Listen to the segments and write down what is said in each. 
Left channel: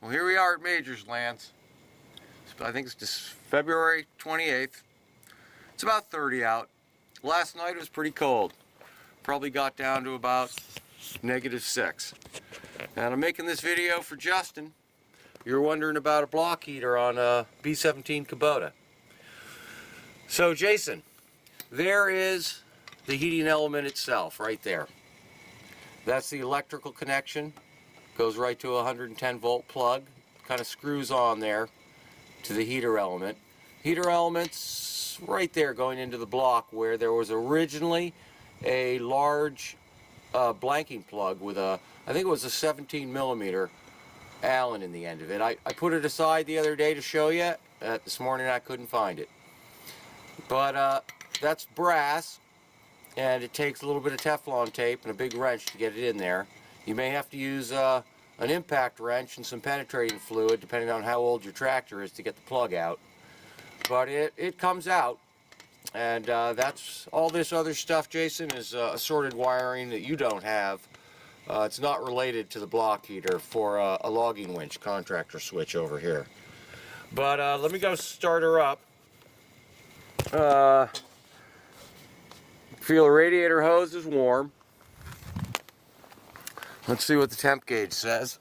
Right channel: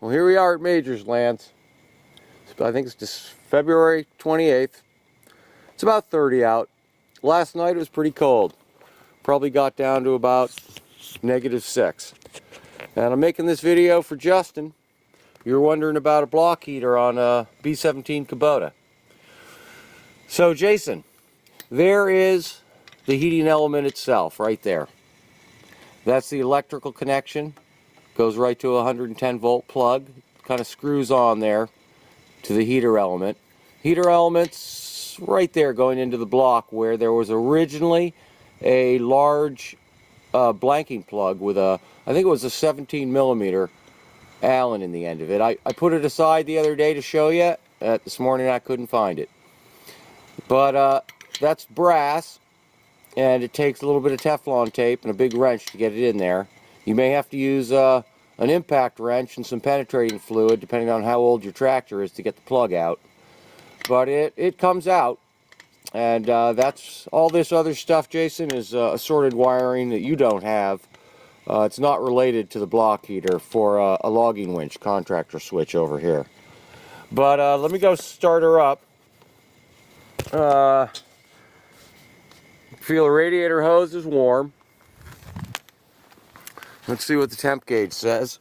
Well, here we are at Majors Lands. I think it's just February 28th. It's about 30 out. Last night it was pretty cold. Probably got down to about -6. And I'm making this video for Justin. You're wondering about a block heater on a B-17 Kubota. So Jason, there is the heating element itself right there. That's the electrical connection. Goes right to a 110 volt plug. Kind of screws on there to the heater element. Heater element's right there going into the block where there was originally a large blanking plug with a, I think it was a 17mm Allen in the end of it. I put it aside the other day to show you. This morning I couldn't find it. But that's brass, and it takes a little bit of Teflon tape and a big wrench to get it in there. You may have to use an impact wrench and some penetrating fluid depending on how old your tractor is to get the plug out. But it comes out, and that's all. This other stuff, Jason, is assorted wiring that you don't have. It's not related to the block heater for a logging winch contractor switch over here. But let me go start her up. Feel the radiator hose is warm. Let's see what the temp gauge says.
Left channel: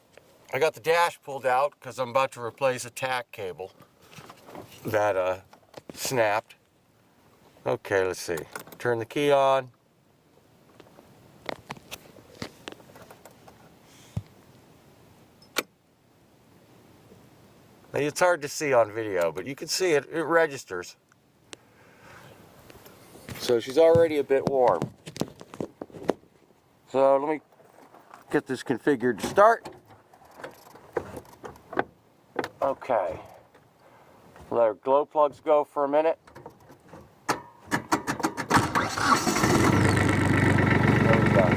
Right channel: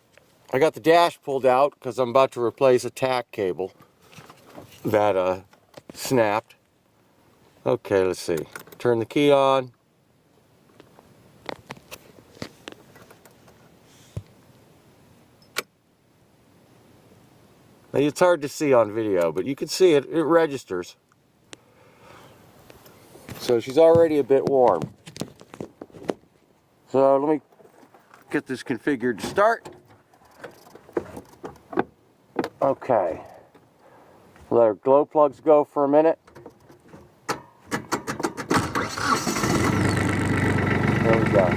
I got the dash pulled out because I'm about to replace a tack cable that snapped. Okay, let's see. Turn the key on. Now, it's hard to see on video, but you can see it. It registers. So she's already a bit warm. So let me get this configured to start. Okay. Let our glow plugs go for a minute. There we go.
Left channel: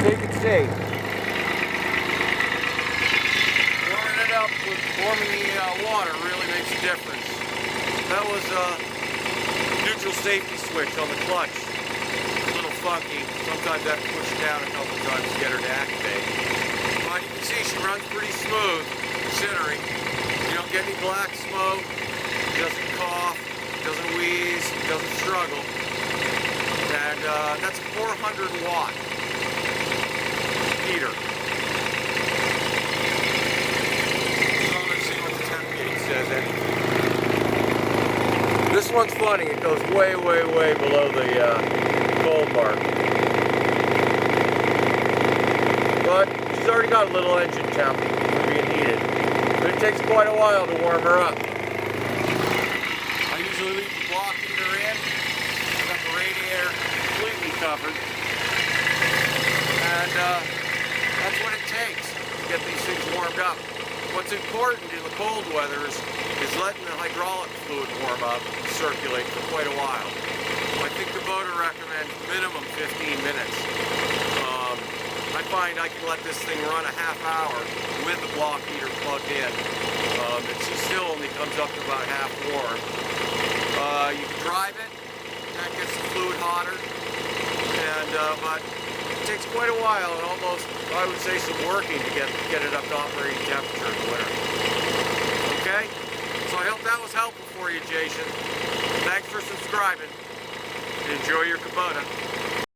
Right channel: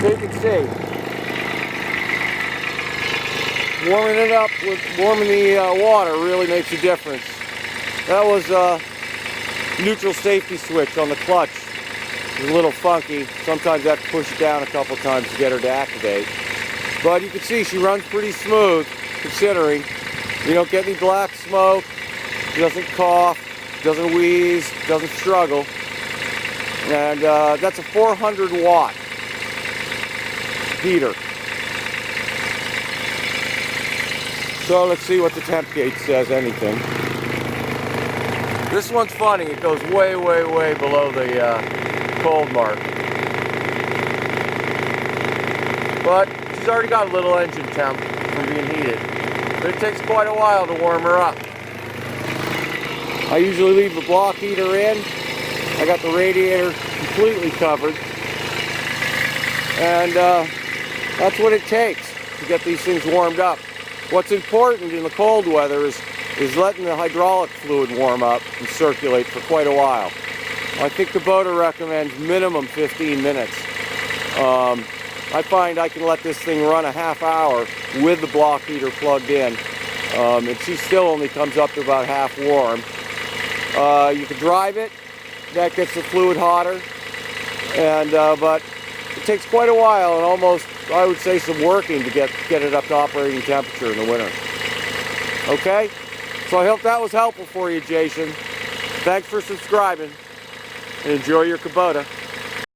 So you can see, warming it up with warming the water really makes a difference. That was a neutral safety switch on the clutch. It's a little funky. Sometimes I have to push it down a couple times to get her to activate. But you can see she runs pretty smooth, considering you don't get any black smoke, doesn't cough, doesn't wheeze, doesn't struggle. And that's a 400 watt heater. So let's see what the temp gauge says, anything. This one's funny, it goes way, way, way below the cold mark. But she's already got a little engine temp from being heated. But it takes quite a while to warm her up. I usually leave the block heater in. I got the radiator completely covered. And that's what it takes to get these things warmed up. What's important in the cold weather is letting the hydraulic fluid warm up and circulate for quite a while. I think Kubota recommends minimum 15 minutes. I find I can let this thing run a half hour with the block heater plugged in, and she still only comes up to about half warm. You can drive it, that gets the fluid hotter, and but it takes quite a while and almost, I would say, some working to get it up to operating temperature in the winter. Okay? So I hope that was helpful for you, Jason. Thanks for subscribing, and enjoy your Kubota.